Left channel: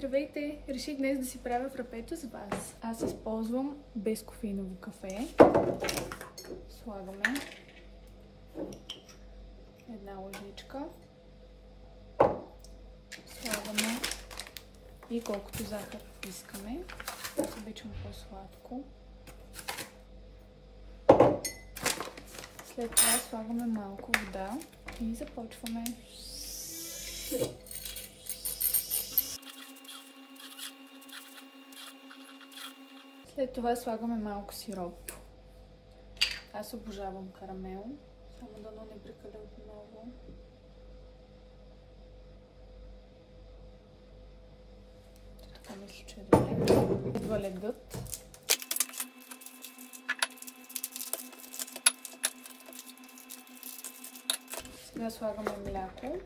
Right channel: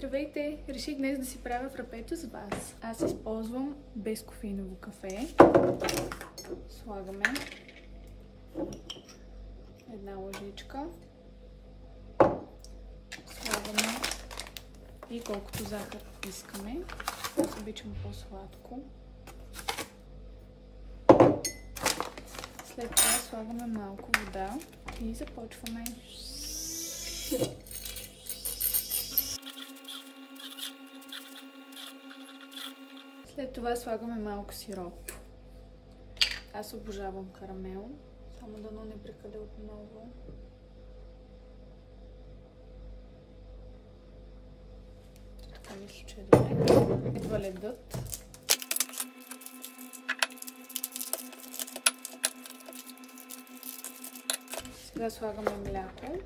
Здравейте! Реших днес да си правя фрапето с вас. Аз използвам безкофеиново кафе. Слагаме една лъжичка. Слагаме и колкото захар искаме. Аз обичам по-сладко. След това слагаме малко вода и започваме. След това слагаме малко сироп. Аз обожавам карамел, само дано не прекаля отново. Така мисля, че е добре. Идва ледът. Сега слагаме мляко.